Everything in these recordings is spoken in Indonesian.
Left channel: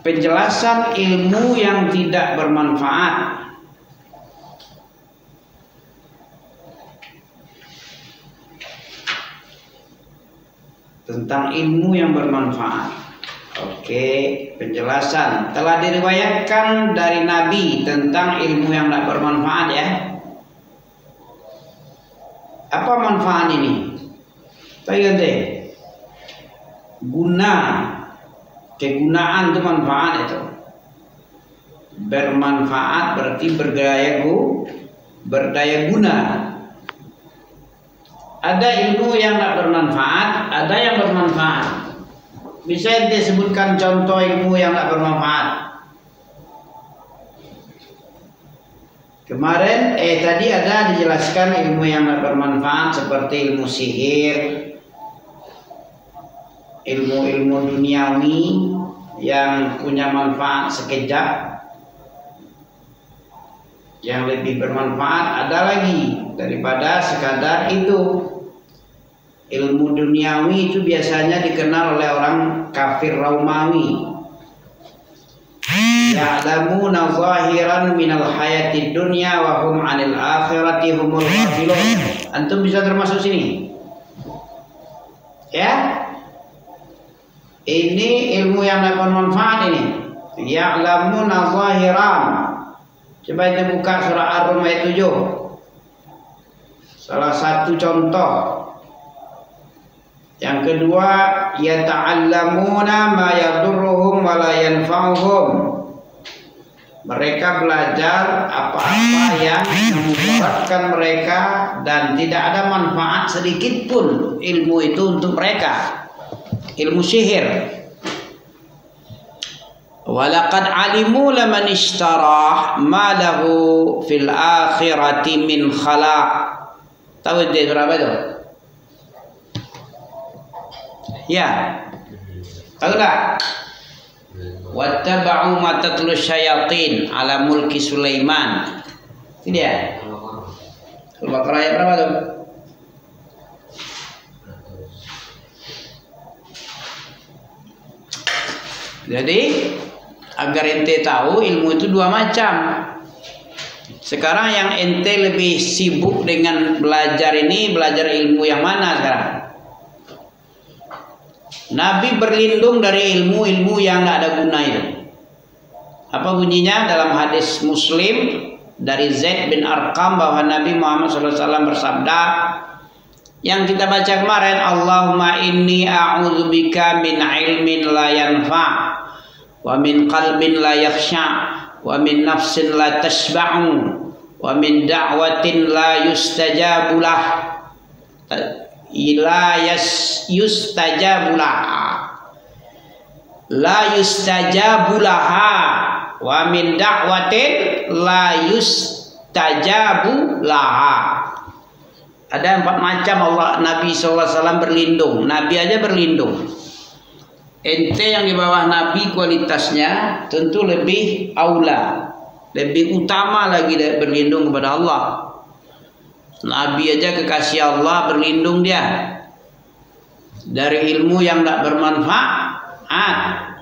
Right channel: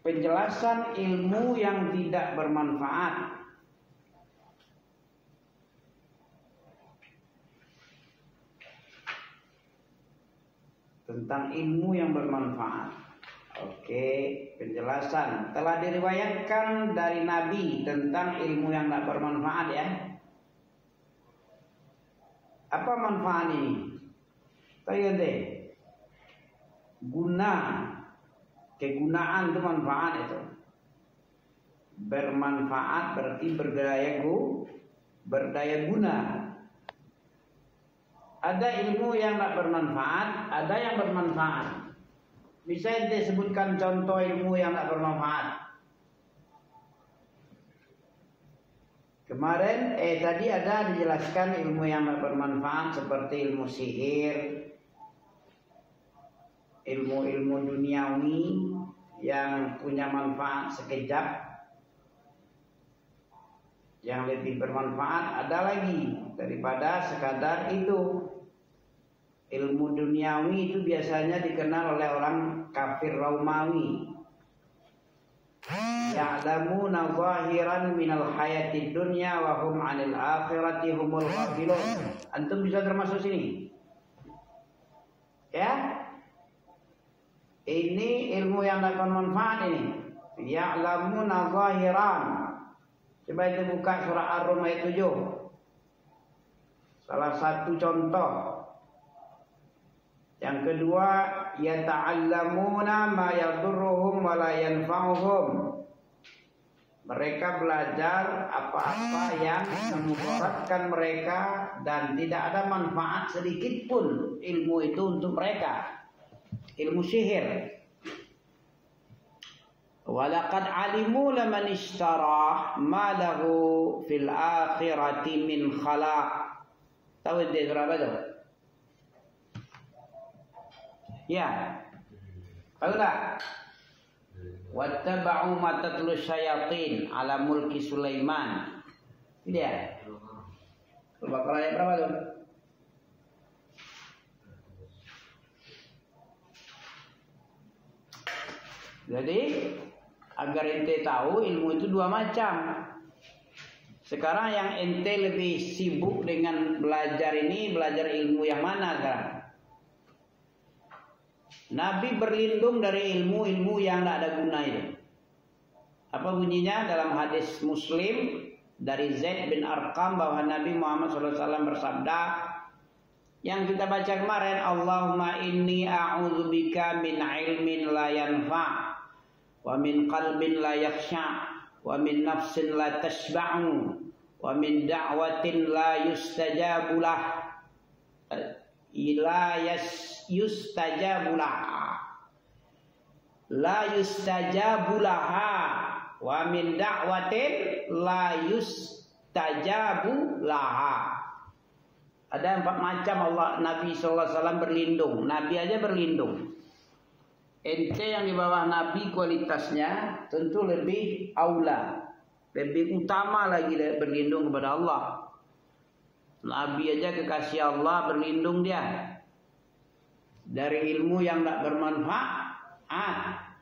penjelasan ilmu yang tidak bermanfaat. Tentang ilmu yang bermanfaat. Oke, penjelasan telah diriwayatkan dari Nabi tentang ilmu yang tidak bermanfaat ya. Apa manfaat ini? Tanya deh. Guna, kegunaan itu manfaat itu. Bermanfaat berarti berdaya guna. Ada ilmu yang tidak bermanfaat, ada yang bermanfaat. Bisa disebutkan contoh ilmu yang tidak bermanfaat? Kemarin tadi ada dijelaskan ilmu yang tidak bermanfaat seperti ilmu sihir, ilmu-ilmu duniawi yang punya manfaat sekejap. Yang lebih bermanfaat ada lagi daripada sekadar itu. Ilmu duniawi itu biasanya dikenal oleh orang kafir Romawi. Ya'lamuna zahiran minal hayatid dunya wa hum 'anil akhirati humul ghafilun. Antum bisa termasuk sini? Ya? Ini ilmu yang dapat manfaat ini. Ya'lamuna zahiran. Coba kita buka surah Ar-Rum ayat 7. Salah satu contoh. Yang kedua, yata'allamuna ma yadurruhum wa la yanfa'uhum. Mereka belajar apa-apa yang memudaratkan mereka dan tidak ada manfaat sedikit pun ilmu itu untuk mereka. Ilmu sihir. Walaqad alimu laman ishtarah ma lahu fil akhirati min khalaq. Tahu dia surah apa itu? Ya. Tahu tak? Wattaba'u ma tatlu syayatin ala mulki Sulaiman. Ini dia. Al-Baqarah ayat berapa tuh? Jadi agar ente tahu ilmu itu dua macam. Sekarang yang ente lebih sibuk dengan belajar ini, belajar ilmu yang mana sekarang? Nabi berlindung dari ilmu-ilmu yang tidak ada guna itu. Apa bunyinya dalam hadis Muslim dari Zaid bin Arqam bahwa Nabi Muhammad SAW bersabda yang kita baca kemarin, Allahumma inni a'udzubika min ilmin la yanfa' wa min qalbin la yakhsha' wa min nafsin la tashba'u wa min da'watin la yustajabu lah yustajabulaha wa min da'watin la yustajabulaha. Ada 4 macam Allah Nabi SAW berlindung. Nabi aja berlindung. Ente yang di bawah Nabi kualitasnya tentu lebih aula, lebih utama lagi berlindung kepada Allah. Nabi aja kekasih Allah berlindung dia dari ilmu yang tidak bermanfaat.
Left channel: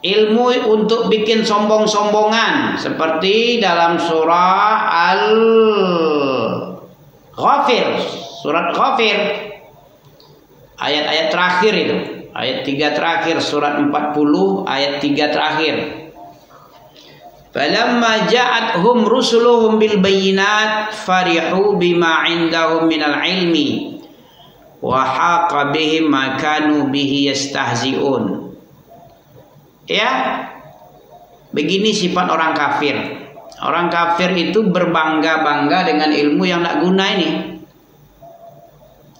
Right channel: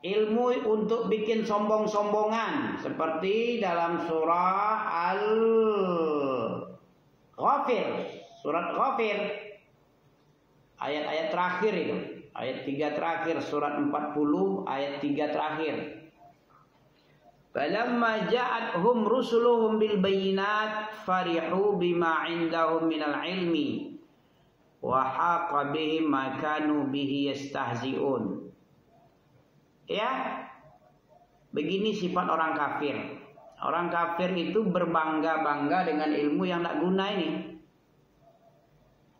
Ilmu untuk bikin sombong-sombongan seperti dalam surah Al-Ghafir, surat Ghafir ayat-ayat terakhir itu, ayat 3 terakhir, surat 40 ayat 3 terakhir. Falamma ja'athum rusuluhum bil bayyinat farihu bima 'indahum minal ilmi wa haqa bihim ma kanu bihi yastahzi'un. Ya, begini sifat orang kafir. Orang kafir itu berbangga-bangga dengan ilmu yang tidak guna ini.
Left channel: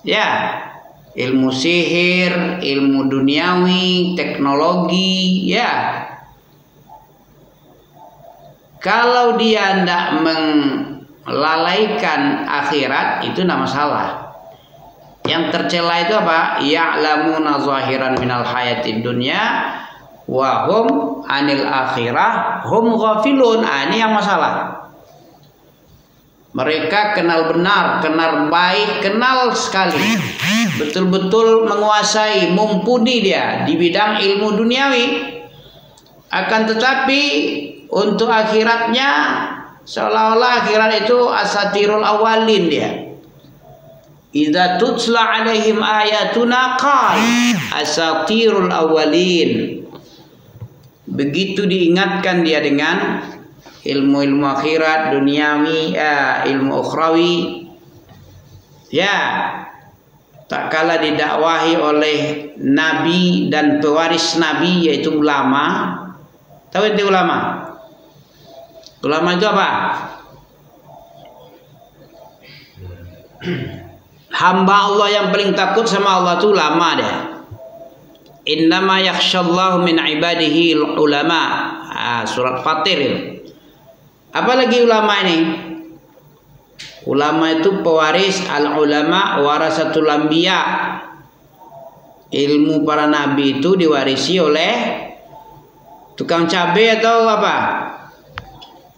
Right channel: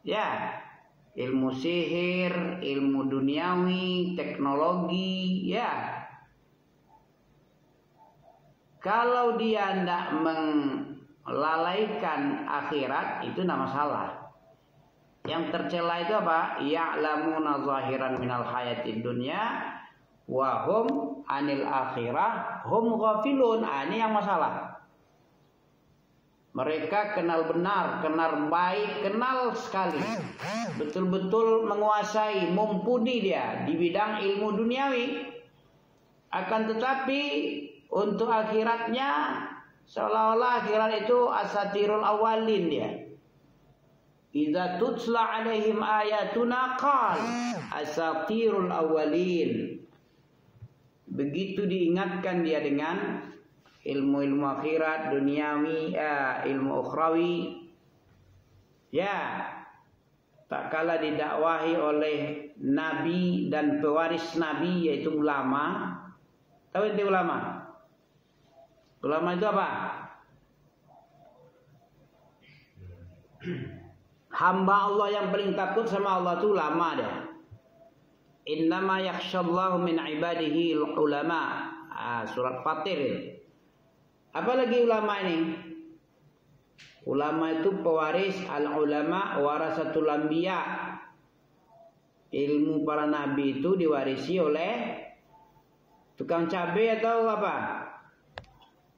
Ya, ilmu sihir, ilmu duniawi, teknologi, ya. Kalau dia tidak melalaikan akhirat, itu tidak masalah. Yang tercela itu apa? Ya'lamuna zahiran minal hayatid dunya wa hum anil akhirah hum ghafilun. Ini yang masalah. Mereka kenal benar, kenal baik, kenal sekali. Betul-betul menguasai, mumpuni dia di bidang ilmu duniawi. Akan tetapi untuk akhiratnya seolah-olah akhirat itu asatirul awalin dia. Idza tutla alaihim ayatuna qal asatirul awalin. Begitu diingatkan dia dengan ilmu-ilmu akhirat duniawi, ilmu ukhrawi, ya tak kala didakwahi oleh nabi dan pewaris nabi yaitu ulama. Tahu itu ulama? Ulama itu apa? Hamba Allah yang paling takut sama Allah itu ulama dia. Innama yakhshallahu min ibadihi ulama. Surat Fatir itu. Apalagi ulama ini? Ulama itu pewaris, al-ulama warasatul anbiya. Ilmu para nabi itu diwarisi oleh tukang cabai atau apa?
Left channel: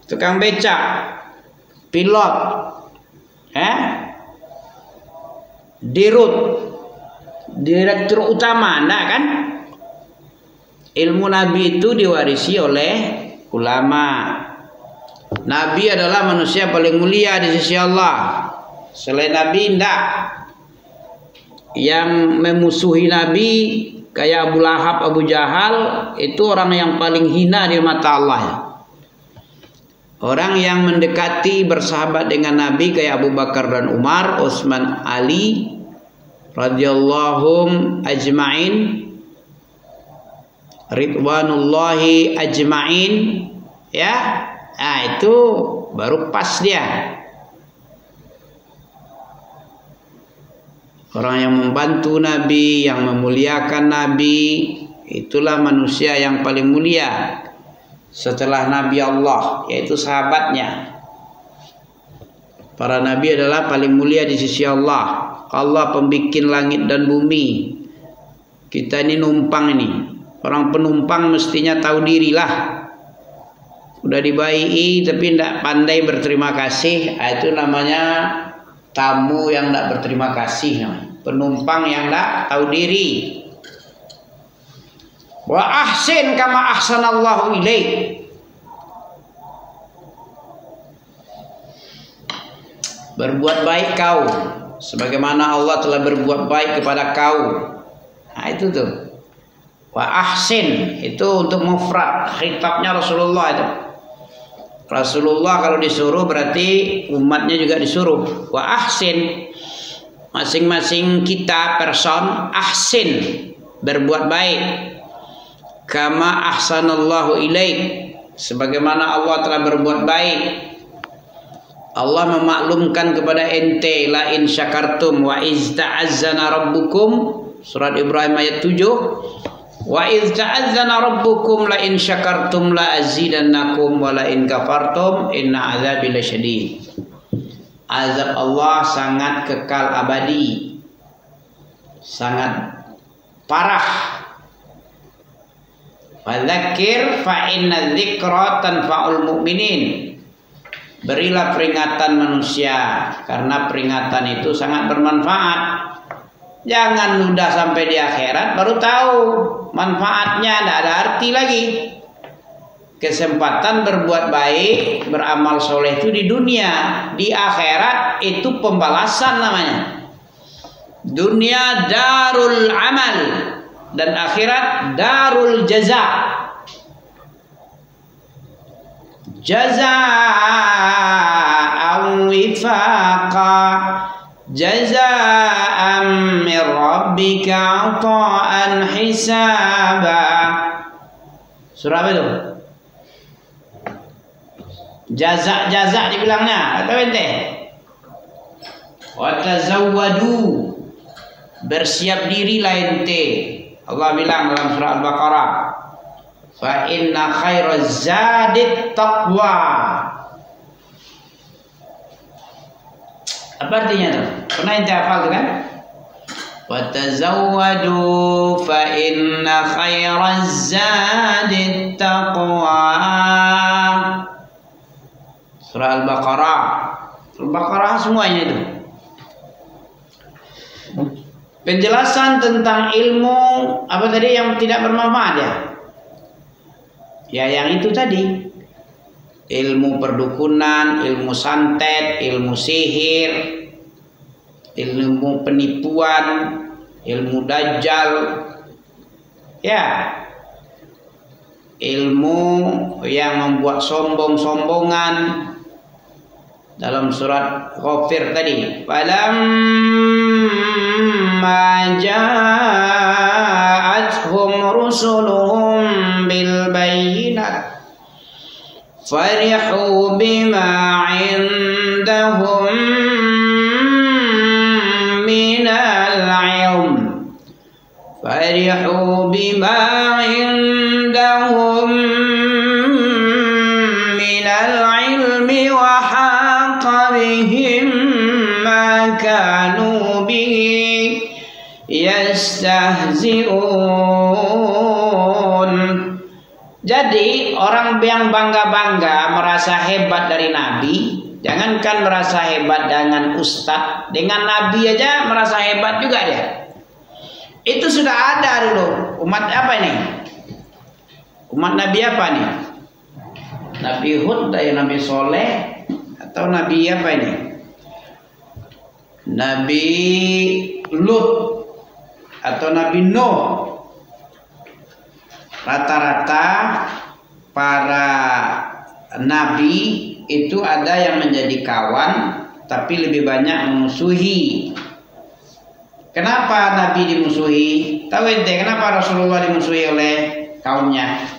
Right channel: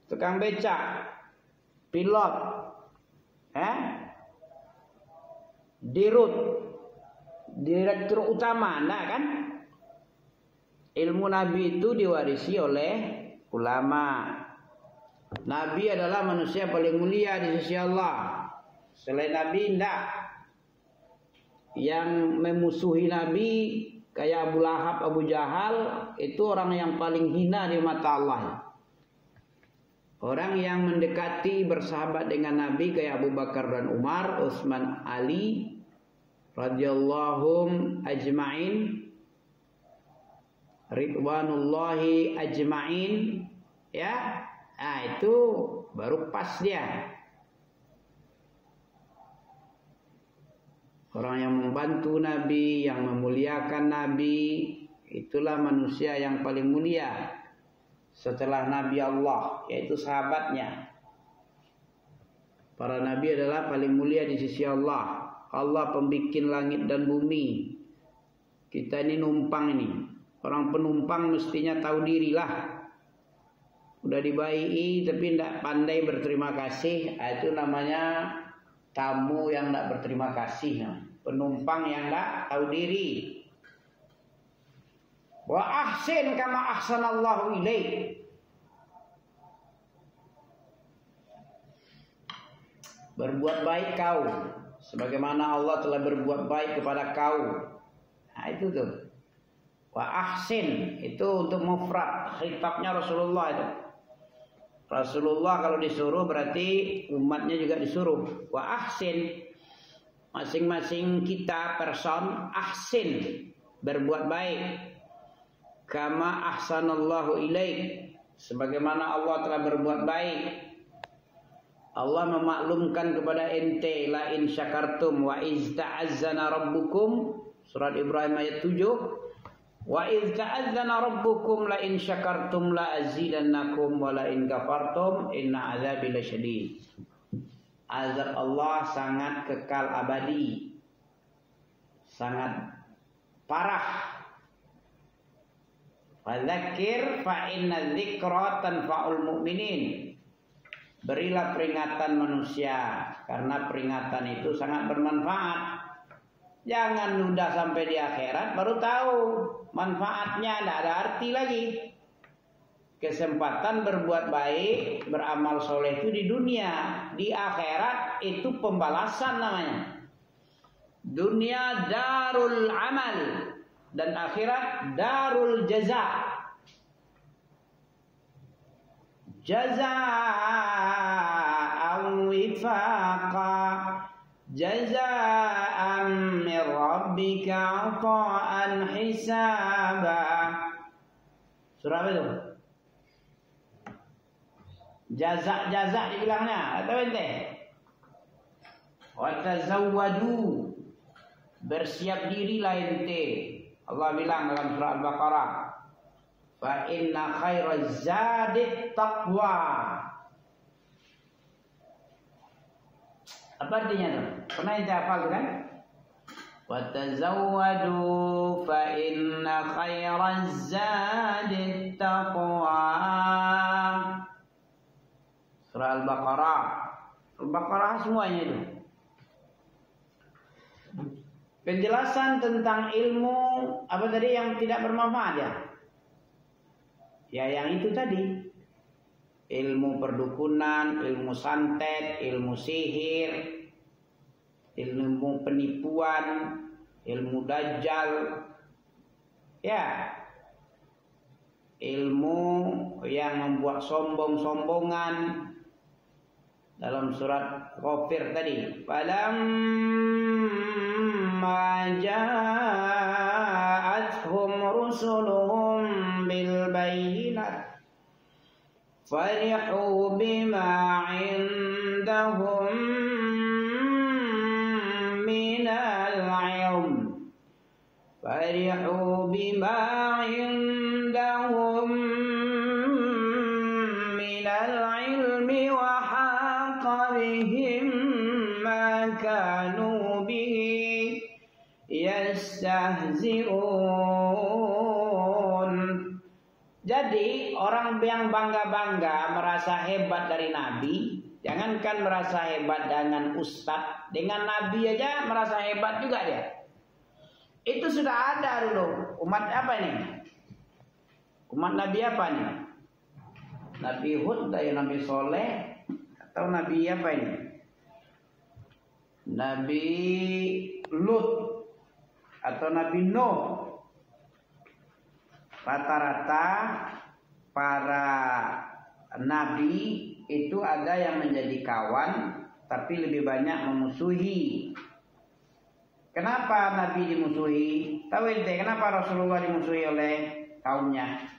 Tukang becak, pilot, dirut, direktur utama, enggak kan? Ilmu nabi itu diwarisi oleh ulama. Nabi adalah manusia paling mulia di sisi Allah. Selain Nabi enggak. Yang memusuhi Nabi kayak Abu Lahab, Abu Jahal itu orang yang paling hina di mata Allah. Orang yang mendekati bersahabat dengan Nabi kayak Abu Bakar dan Umar, Utsman, Ali radhiyallahum ajma'in, ridwanullahi ajma'in, ya. Nah, itu baru pas dia. Orang yang membantu Nabi, yang memuliakan Nabi, itulah manusia yang paling mulia setelah Nabi Allah, yaitu sahabatnya. Para Nabi adalah paling mulia di sisi Allah. Allah pembikin langit dan bumi. Kita ini numpang ini. Orang penumpang mestinya tahu dirilah. Udah dibaiki tapi tidak pandai berterima kasih, itu namanya tamu yang tidak berterima kasih, penumpang yang tidak tahu diri. Wa ahsin kama ahsanallahu ilaik. Berbuat baik kau sebagaimana Allah telah berbuat baik kepada kau. Nah itu tuh. Wa ahsin itu untuk mufrad, khitabnya Rasulullah itu. Rasulullah kalau disuruh berarti umatnya juga disuruh. Wa ahsin, masing-masing kita person ahsin, berbuat baik. Kama ahsanallahu ilaik, sebagaimana Allah telah berbuat baik. Allah memaklumkan kepada ente, la in syakartum wa iz ta'azzana rabbukum, surat Ibrahim ayat 7. Wa idz ta'azzana rabbukum la in syakartum la azidannakum wa la in kafartum inna azabi lasyadid. Azab Allah sangat kekal abadi, sangat parah. Fadzakir fa inna dzikra tanfa'ul mu'minin. Berilah peringatan manusia karena peringatan itu sangat bermanfaat. Jangan nunda sampai di akhirat baru tahu manfaatnya, tidak ada arti lagi. Kesempatan berbuat baik, beramal soleh itu di dunia, di akhirat itu pembalasan namanya. Dunia darul amal dan akhirat darul jaza. Jazaa'an wifaqa, jazaa'an min rabbika 'ata'an hisaba. Surah apa itu? Jaza dibilangnya atau ente? Wa tazawwadu, bersiap dirilah ente. Allah bilang dalam surah Al-Baqarah, fa inna khairaz zadit taqwa. Apa artinya tuh? Pernah ente hafal kan? Wa tazawwadu fa inna khairaz zadit taqwa. Surah Al-Baqarah Al-Baqarah semuanya itu. Penjelasan tentang ilmu apa tadi yang tidak bermanfaat ya? Ya yang itu tadi. Ilmu perdukunan, ilmu santet, ilmu sihir, ilmu penipuan, ilmu dajjal. Ya. Ilmu yang membuat sombong-sombongan. Dalam surat Ghafir tadi, falamma ja'atuhum rusuluhum bil bayyinat farihu bima 'indahum minal 'ilm farihu bima 'indahum minal 'ilmi wa kanu bihi yastahzi'un. Jadi orang yang bangga-bangga merasa hebat dari Nabi, jangankan merasa hebat dengan ustadz, dengan Nabi aja merasa hebat juga dia. Itu sudah ada dulu. Umat apa nih? Umat Nabi apa nih? Nabi Hud, Nabi Soleh, atau Nabi apa ini? Nabi Lut atau Nabi Nuh. Rata-rata para nabi itu ada yang menjadi kawan, tapi lebih banyak memusuhi. Kenapa Nabi dimusuhi? Tahu ente kenapa Rasulullah dimusuhi oleh kaumnya?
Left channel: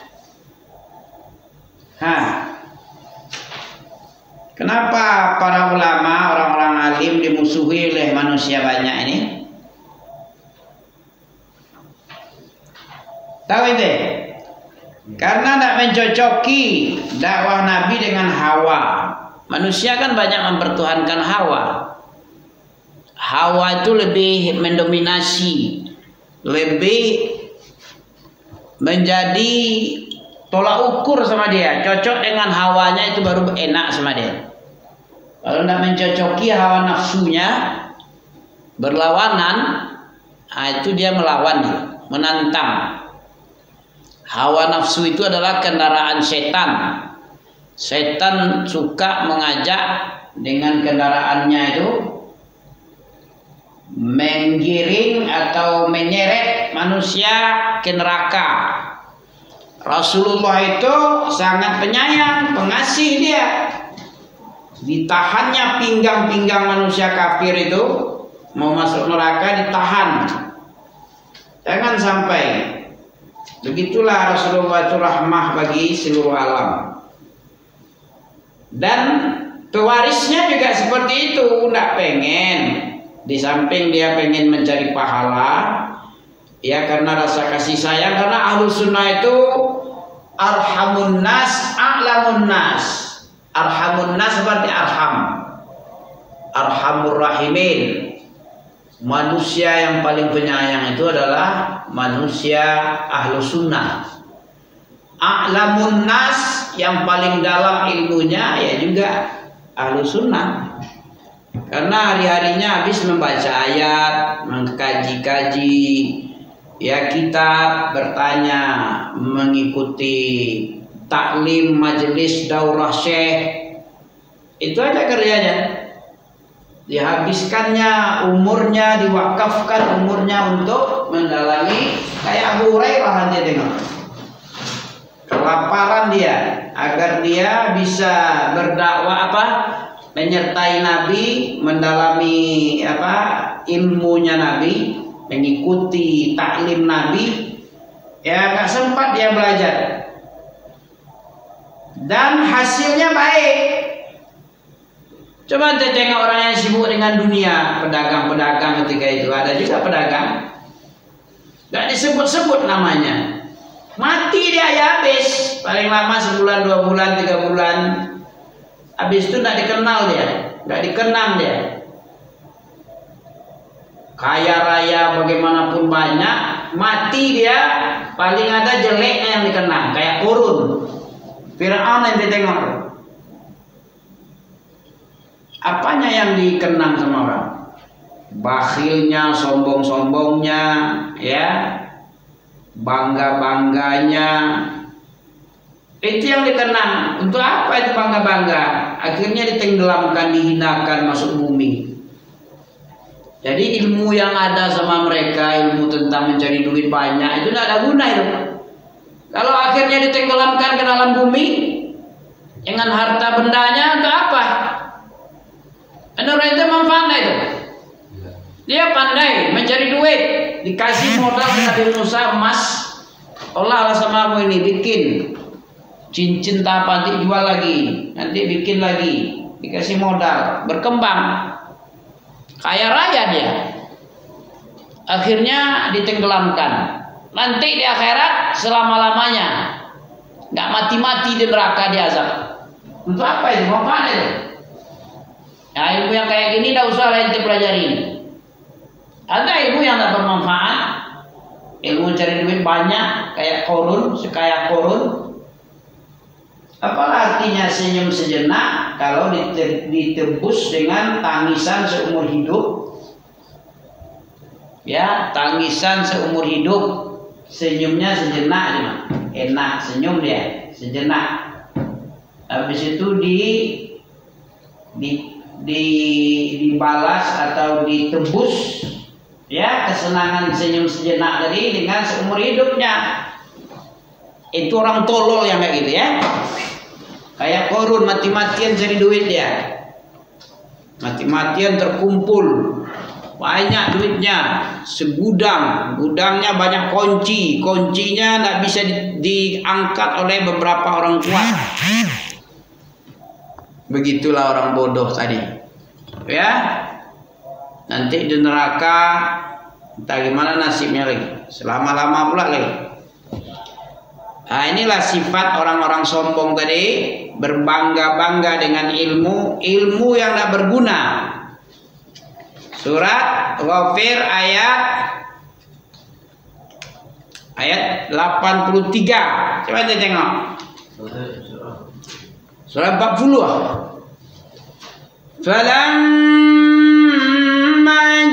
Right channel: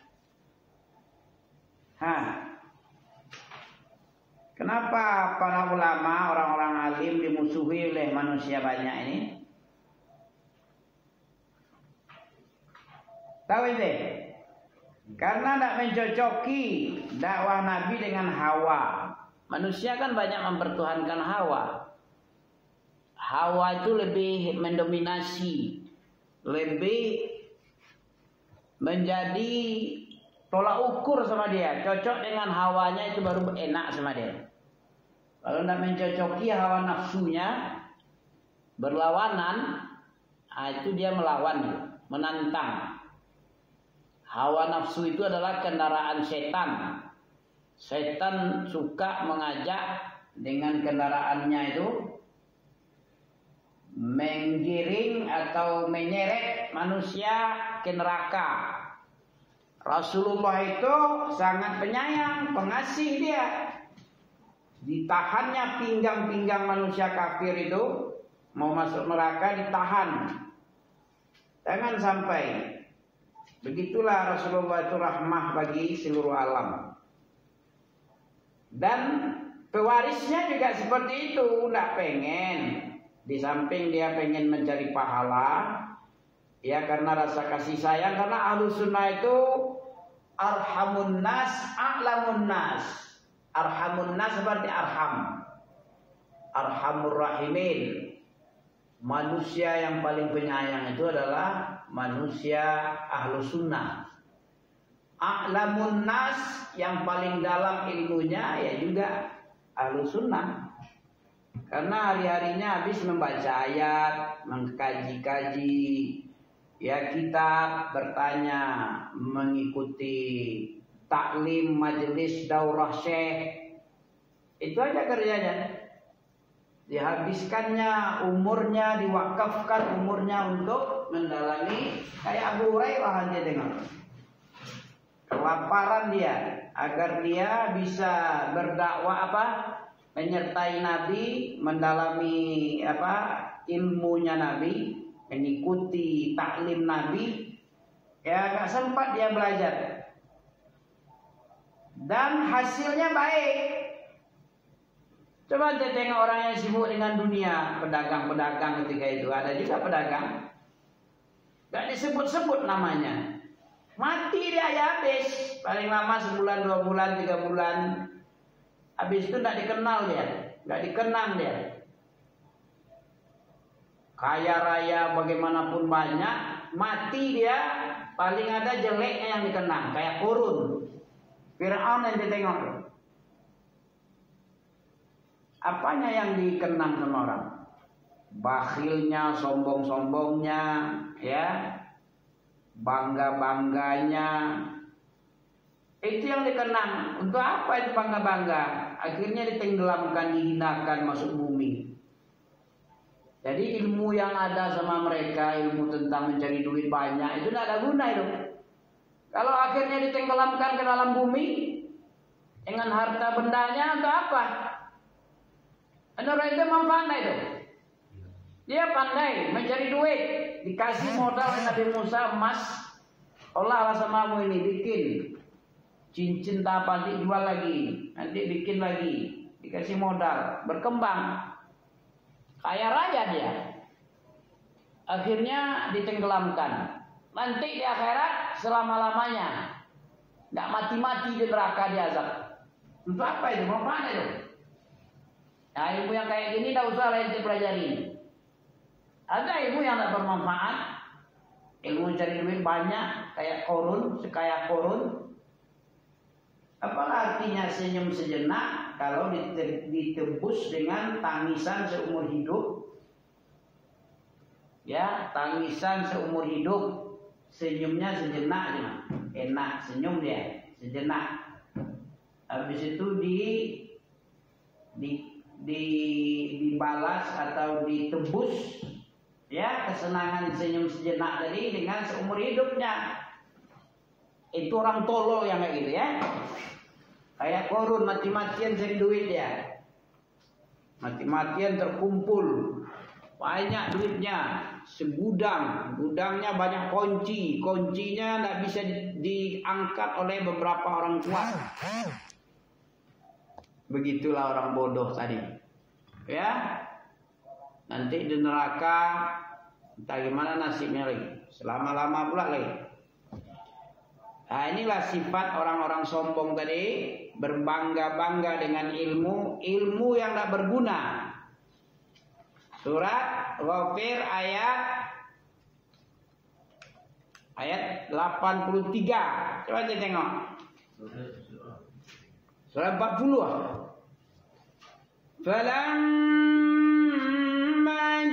Kenapa para ulama, orang-orang alim dimusuhi oleh manusia banyak ini? Tahu itu? Karena tidak mencocoki dakwah Nabi dengan hawa. Manusia kan banyak mempertuhankan hawa. Hawa itu lebih mendominasi, lebih menjadi tolak ukur sama dia. Cocok dengan hawanya itu baru enak sama dia. Kalau tidak mencocoki hawa nafsunya, berlawanan, itu dia melawan, menantang. Hawa nafsu itu adalah kendaraan setan. Setan suka mengajak dengan kendaraannya itu menggiring atau menyeret manusia ke neraka. Rasulullah itu sangat penyayang, pengasih dia. Ditahannya pinggang-pinggang manusia kafir itu, mau masuk neraka ditahan. Jangan sampai. Begitulah Rasulullah itu rahmah bagi seluruh alam. Dan pewarisnya juga seperti itu, tidak pengen. Di samping dia pengen mencari pahala, ya karena rasa kasih sayang, karena ahlu sunnah itu arhamun nas, a'lamun nas. Arhamun nas seperti arhamur rahimin. Manusia yang paling penyayang itu adalah manusia ahlu sunnah. A'lamun nas, yang paling dalam ilmunya ya juga ahlu sunnah. Karena hari-harinya habis membaca ayat, mengkaji-kaji, ya kitab, bertanya, mengikuti taklim, majelis, daurah syekh. Itu aja kerjanya. Dihabiskannya umurnya, diwakafkan umurnya untuk mendalami. Kayak Abu Hurairah aja tengok. Kelaparan dia agar dia bisa berdakwah menyertai Nabi, mendalami ilmunya Nabi, mengikuti taklim Nabi. Ya gak sempat dia belajar. Dan hasilnya baik. Coba kita tengok orang yang sibuk dengan dunia, pedagang-pedagang ketika itu. Ada juga pedagang, gak disebut-sebut namanya. Mati dia ya habis. Paling lama sebulan, 2 bulan, 3 bulan. Habis itu gak dikenal dia, gak dikenang dia. Kaya raya bagaimanapun banyak, mati dia, paling ada jeleknya yang dikenang. Kayak Qurun, Fir'aun yang ditengok. apanya yang dikenang sama orang? Bakhilnya, sombong-sombongnya, ya, bangga-bangganya. Itu yang dikenang. Untuk apa itu bangga-bangga? Akhirnya ditenggelamkan, dihinakan, masuk bumi. Jadi ilmu yang ada sama mereka, ilmu tentang mencari duit banyak, itu tidak ada guna itu. Kalau akhirnya ditenggelamkan ke dalam bumi dengan harta bendanya, untuk apa? Menurut itu manfaat itu. Dia pandai mencari duit, dikasih modal Nabi Musa emas, Allah sama ini bikin cincin apa dijual lagi, nanti bikin lagi, dikasih modal, berkembang, kaya raya dia. Akhirnya ditenggelamkan. Nanti di akhirat selama-lamanya, nggak mati-mati di neraka diazab. Untuk apa itu? Mau apa itu? Nah, ilmu yang kayak gini tidak usah lain dipelajari. Ada ilmu yang tidak bermanfaat, ilmu cari duit banyak, kayak korun, sekaya korun. Apalah artinya senyum sejenak kalau ditebus dengan tangisan seumur hidup? Ya, tangisan seumur hidup. Senyumnya sejenak, enak senyum dia, sejenak. Habis itu dibalas atau ditebus, ya, kesenangan senyum sejenak tadi dengan seumur hidupnya. Itu orang tolol yang kayak gitu ya. Kayak korun, mati-matian cari duit dia, mati-matian terkumpul banyak duitnya, segudang, gudangnya banyak kunci, kuncinya tidak bisa diangkat oleh beberapa orang kuat. Begitulah orang bodoh tadi, ya. Nanti di neraka entah gimana nasibnya lagi, selama-lama pula lagi. Nah, inilah sifat orang-orang sombong tadi, berbangga-bangga dengan ilmu yang tidak berguna. Surat Ghafir ayat 83. Coba kita tengok. Surat 40. Falamma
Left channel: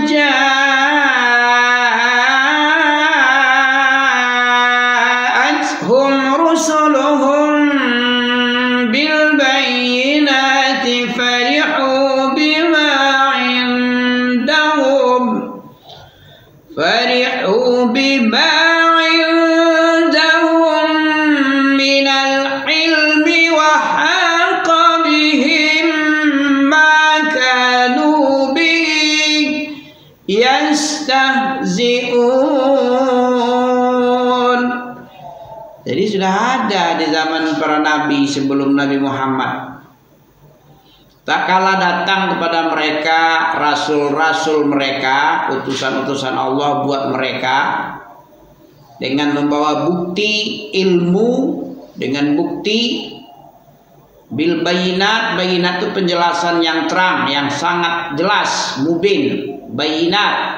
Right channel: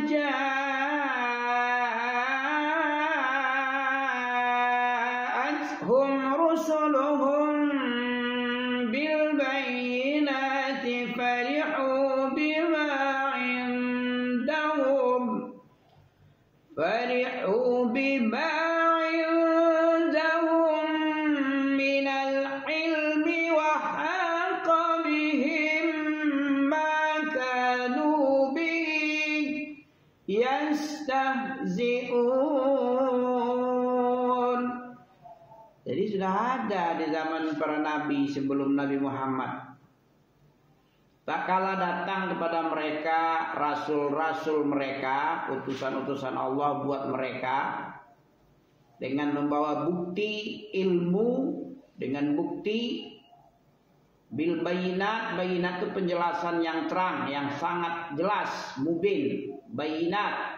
ja'atuhum rusuluhum bil bayyinati farihu bima indahum minal ilmi wa haqa bihim ma kanu bihi yastahzi'un. Jadi sudah ada di zaman para nabi sebelum Nabi Muhammad. Tak kala datang kepada mereka rasul-rasul mereka, utusan-utusan Allah buat mereka, dengan membawa bukti ilmu, dengan bukti bil bayinat. Bayinat itu penjelasan yang terang, yang sangat jelas, mubin, bayinat.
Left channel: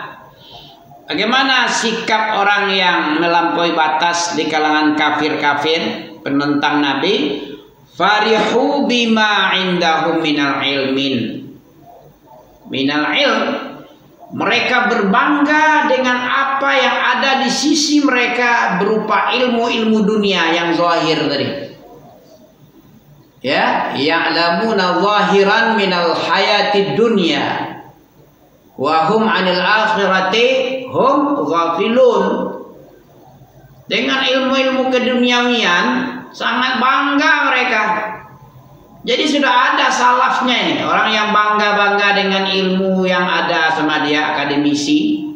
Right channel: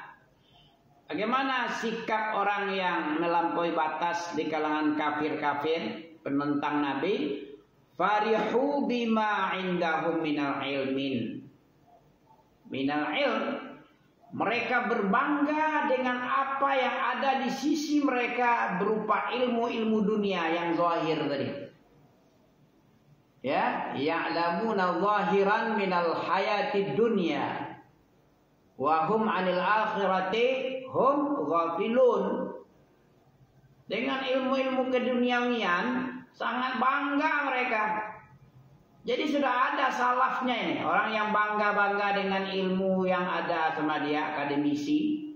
Bagaimana sikap orang yang melampaui batas di kalangan kafir-kafir, penentang Nabi? Farihu bima indahum minal ilm. Mereka berbangga dengan apa yang ada di sisi mereka berupa ilmu-ilmu dunia yang zahir tadi. Ya, ya'lamuna zahiran minal hayatid dunya wa hum 'anil akhirati hum ghafilun. Dengan ilmu-ilmu keduniawian sangat bangga mereka. Jadi sudah ada salafnya ini, orang yang bangga-bangga dengan ilmu yang ada sama dia, akademisi,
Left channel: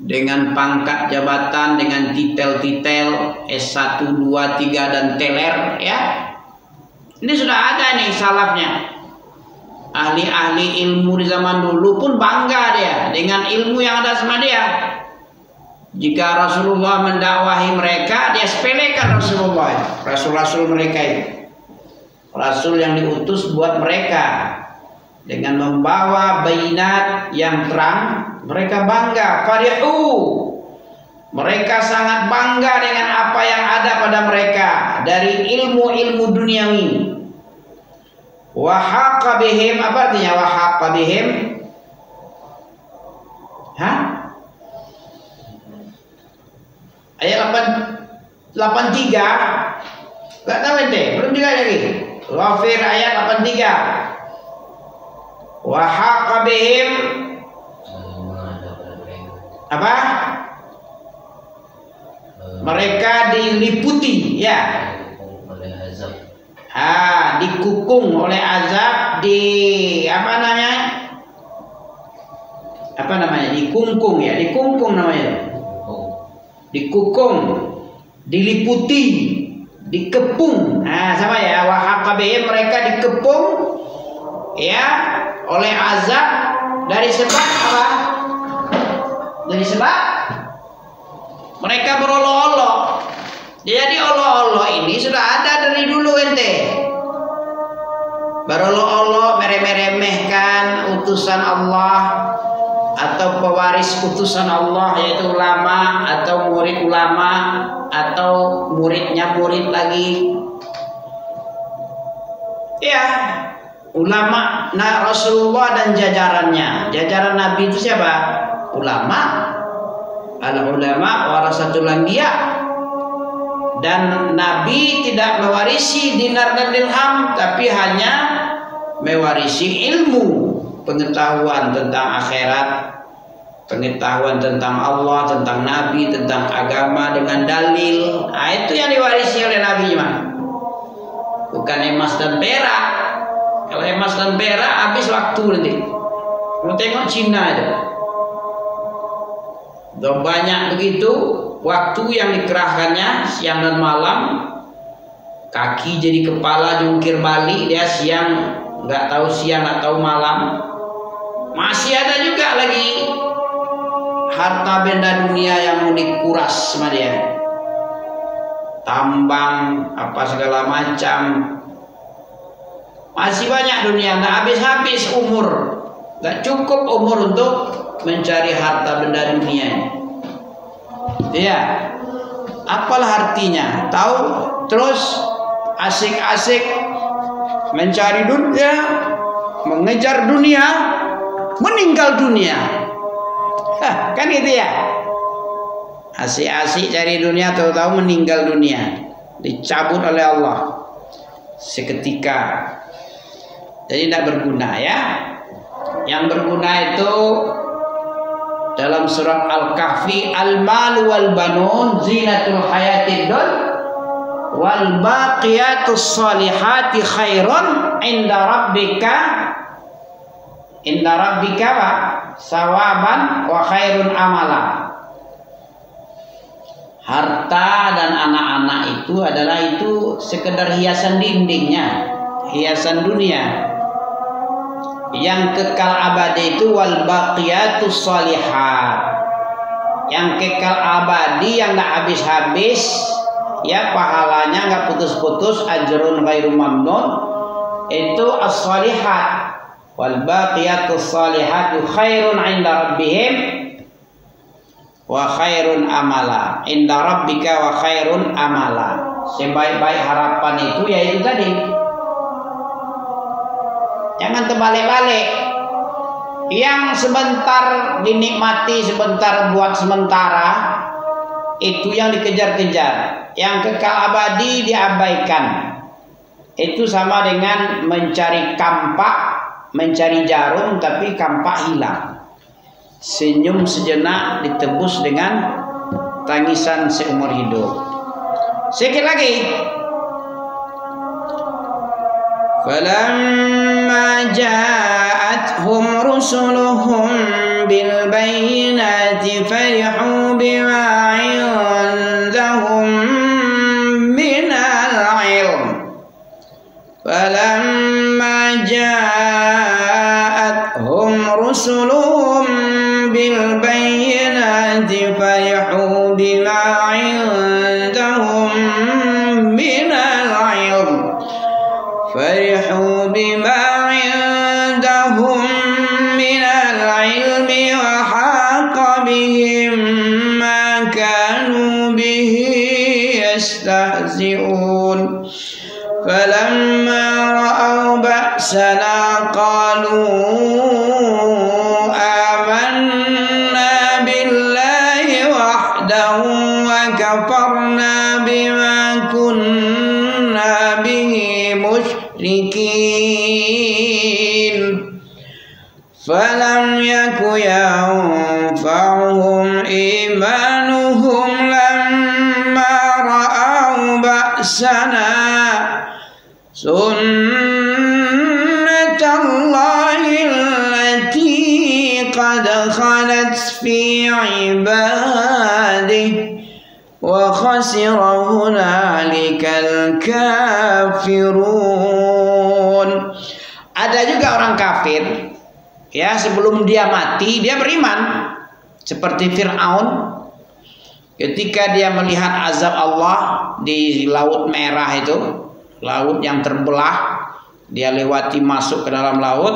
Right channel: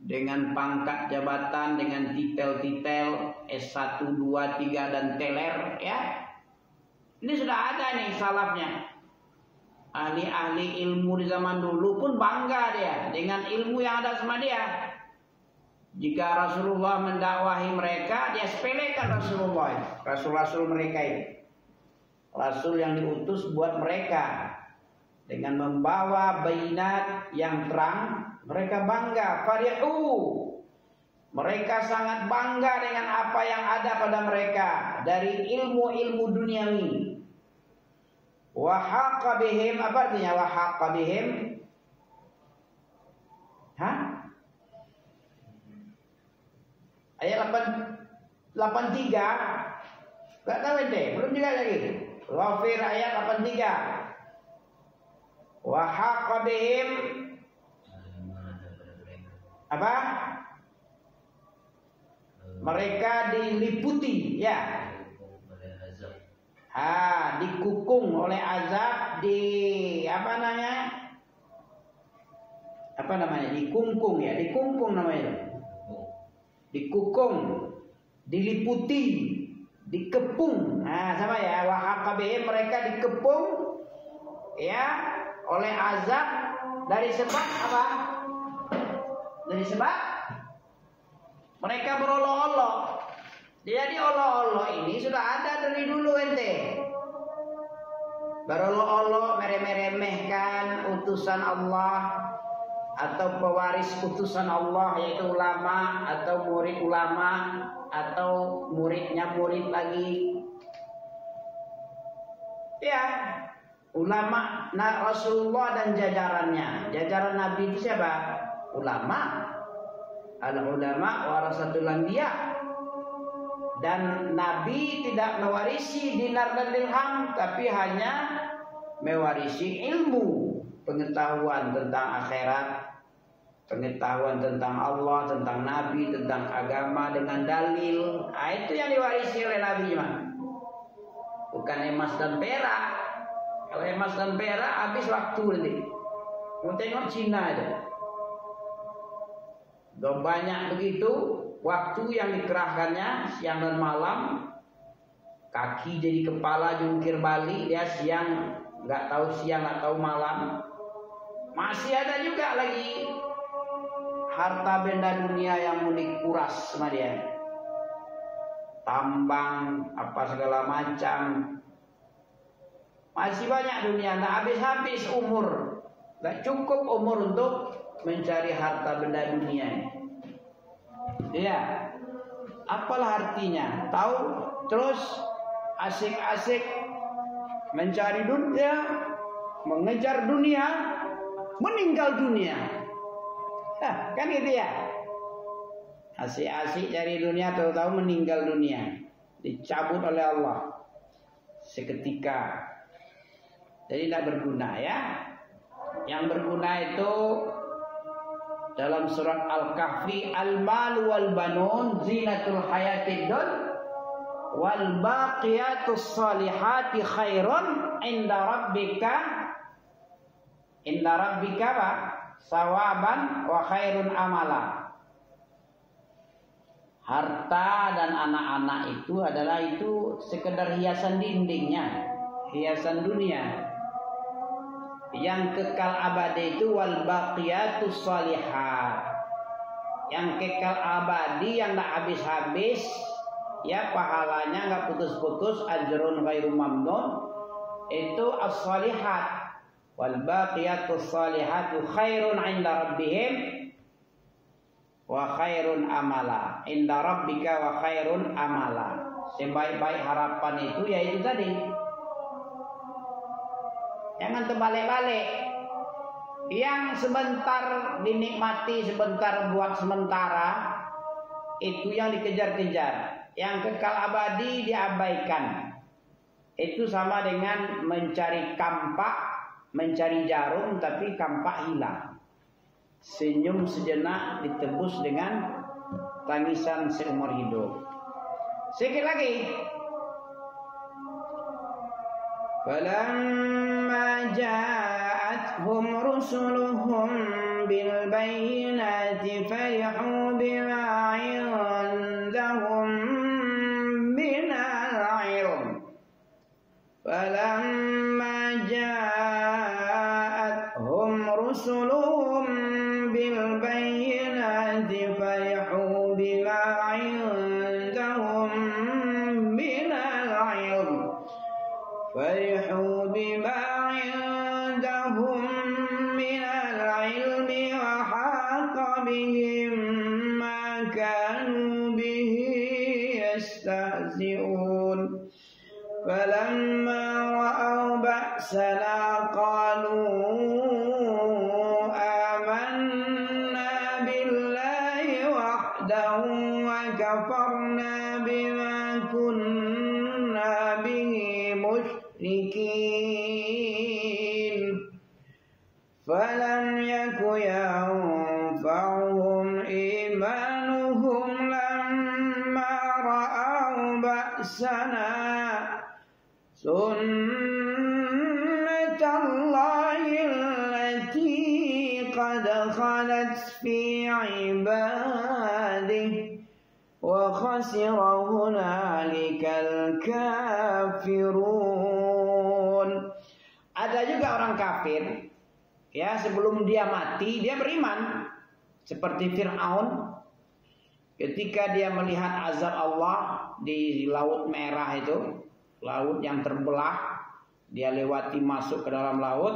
dengan pangkat jabatan, dengan titel-titel S1, 2, 3 dan teler, ya. Ini sudah ada nih salafnya. Ahli-ahli ilmu di zaman dulu pun bangga dia dengan ilmu yang ada sama dia. Jika Rasulullah mendakwahi mereka, dia sepelekan Rasulullah, rasul-rasul mereka itu, rasul yang diutus buat mereka dengan membawa bayinat yang terang. Mereka bangga, farihu, mereka sangat bangga dengan apa yang ada pada mereka dari ilmu-ilmu duniawi. Wa haqa bihim, apa artinya wa haqa bihim? Hah? Ayat 83. Enggak tahu ente, belum juga lagi. Ghafir ayat 83. Wa haqa bihim apa? Mereka diliputi ya. Dikukung oleh azab, apa namanya? Dikungkung ya, dikungkung namanya. Dikukung, diliputi, dikepung. Sama ya, wa haqa bihim, mereka dikepung ya oleh azab dari sebab apa? Dari sebab mereka berolok-olok. Jadi olok-olok ini sudah ada dari dulu ente. Berolok-olok, meremehkan utusan Allah atau pewaris utusan Allah, yaitu ulama atau murid ulama atau muridnya murid lagi. Ya, ulama, Rasulullah dan jajarannya. Jajaran Nabi itu siapa? Ulama. Al-ulama warasatul anbiya. Dan Nabi tidak mewarisi dinar dan dirham, tapi hanya mewarisi ilmu, pengetahuan tentang akhirat, pengetahuan tentang Allah, tentang Nabi, tentang agama dengan dalil. Itu yang diwarisi oleh Nabi, bukan emas dan perak. Kalau emas dan perak habis waktu nanti. Mau tengok Cina itu, udah banyak begitu waktu yang dikerahkannya siang dan malam. Kaki jadi kepala jungkir balik, dia siang nggak tahu siang nggak tahu malam. Masih ada juga lagi harta benda dunia yang mau dikuras sama dia, tambang apa segala macam. Masih banyak dunia, nggak habis-habis umur, nggak cukup umur untuk mencari harta benda dunia. Iya, apalah artinya? Tahu terus asik-asik mencari dunia, mengejar dunia, meninggal dunia. Kan gitu ya. Asik-asik cari dunia, tahu-tahu meninggal dunia, dicabut oleh Allah seketika. Jadi tidak berguna ya. Yang berguna itu dalam surat Al-Kahfi, al-malu wal banun zinatul hayatid dunya wal baqiyatus salihati khairun inda rabbika wa sawaban wa khairun amala. Harta dan anak-anak itu adalah sekedar hiasan dindingnya, hiasan dunia. Yang kekal abadi itu wal baqiyatus shalihat. Yang kekal abadi, yang enggak habis-habis, ya pahalanya enggak putus-putus, ajrun ghairu mamnun, itu as-shalihat. Wal baqiyatus shalihatu khairun 'inda rabbihim wa khairun amala. Inda rabbika wa khairun amala. Sebaik-baik harapan itu yaitu tadi. Jangan terbalik-balik. Yang sebentar dinikmati, sebentar buat sementara, itu yang dikejar-kejar. Yang kekal abadi diabaikan. Itu sama dengan mencari kampak, mencari jarum, tapi kampak hilang. Senyum sejenak ditebus dengan tangisan seumur hidup. Sedikit lagi. فَلَمَّا جَاءَتْهُمْ رُسُلُهُم بِالْبَيِّنَاتِ فَرِحُوا بِمَا عِندَهُم مِّنَ الْعِلْمِ فَلَمَّا جَاءَتْهُمْ رُسُلُهُم بِالْبَيِّنَاتِ فَرِحُوا بِمَا عِندَهُم مِّنَ الْعِلْمِ فرحوا بما عندهم من العلم وحاق بهم ما كانوا به يستهزئون فلما رأوا ba'sana qalu amanna billahi wahdahu wa kafarna bima kunna bihi musyrikin falam yaku yanfa'uhum imanuhum lamma ra'au ba'sana sunnatallahi allati qad khalat fi ibadihi wa khasira hunalikal kafirun. Ada juga orang kafir, ya, sebelum dia mati dia beriman, seperti Fir'aun ketika dia melihat azab Allah di Laut Merah itu, laut yang terbelah, dia lewati masuk ke dalam laut,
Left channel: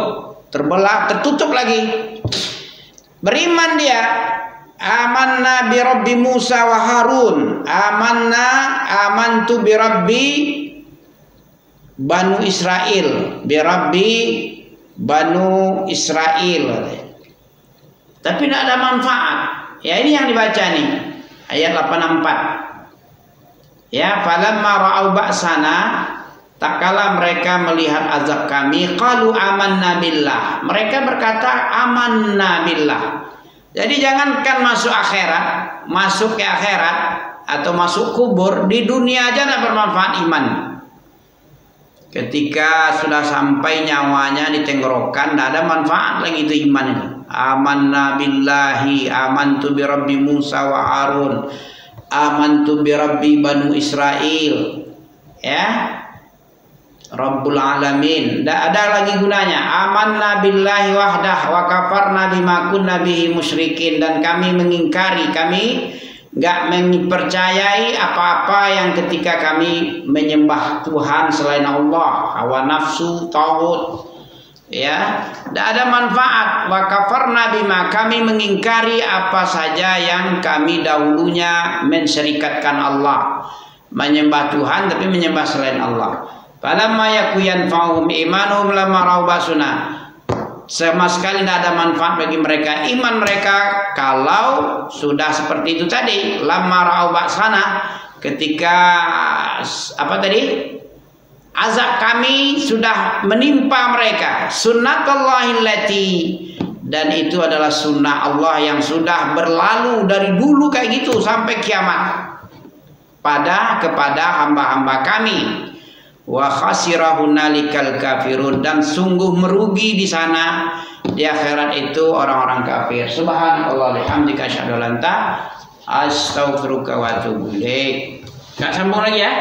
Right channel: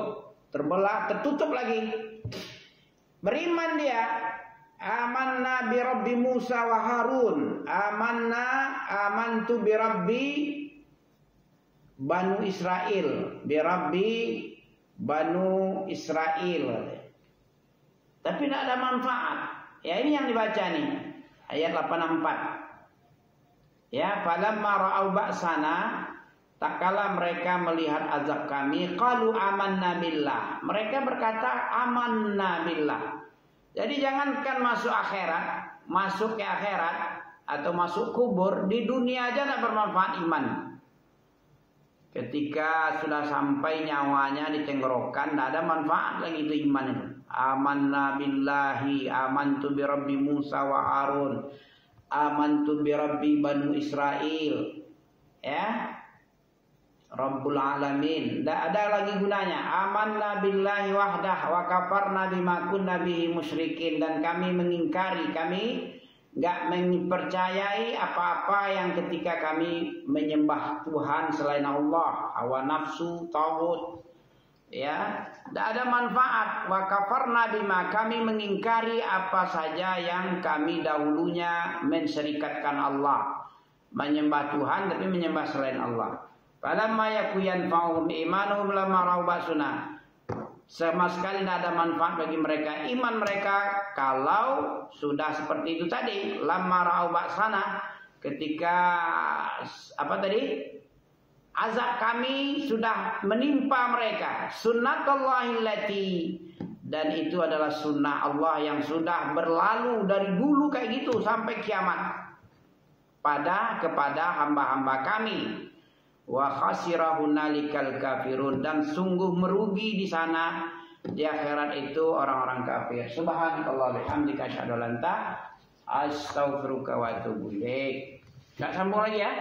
terbelah, tertutup lagi. Beriman dia, amanna bi rabbi Musa wa Harun, amantu bi rabbi Banu Israel, bi rabbi Banu Israel. Tapi tidak ada manfaat. Ya, ini yang dibaca nih, ayat 84. Ya, falamma ra'au ba'sana, tak kala mereka melihat azab kami, qalu amanna billah. Mereka berkata amanna billah. Jadi jangankan masuk akhirat, masuk ke akhirat atau masuk kubur, di dunia aja tidak bermanfaat iman. Ketika sudah sampai nyawanya di tenggorokan, tidak ada manfaat lagi itu iman itu. Amanna billahi, amantu bi rabbi Musa wa Harun, amantu bi rabbi Banu Israel, ya, Rabbul Alamin. Tidak ada lagi gunanya. Amanna billahi wahdah wa kafarna bima kunna bihi musyrikin. Dan kami mengingkari, kami nggak mempercayai apa-apa yang ketika kami menyembah Tuhan selain Allah, hawa nafsu, tauhid, ya, tidak ada manfaat. Wa kafarna bima, kami mengingkari apa saja yang kami dahulunya mensyirikatkan Allah, menyembah Tuhan tapi menyembah selain Allah. Falamma yaku yanfa'uhum imanuhum lamma ra'au ba'sana, sama sekali tidak ada manfaat bagi mereka iman mereka kalau sudah seperti itu tadi, lamma ra'au ba'sana, ketika apa tadi, azab kami sudah menimpa mereka. Sunnatullahi allati, dan itu adalah sunnah Allah yang sudah berlalu dari dulu kayak gitu sampai kiamat kepada hamba-hamba kami. Wa khasira hunalikal kafirun, dan sungguh merugi di sana di akhirat itu orang-orang kafir. Subhanallah bihamdika asyhadu an la ilaha illa anta astaghfiruka wa atubu ilaik. Enggak sambung lagi ya.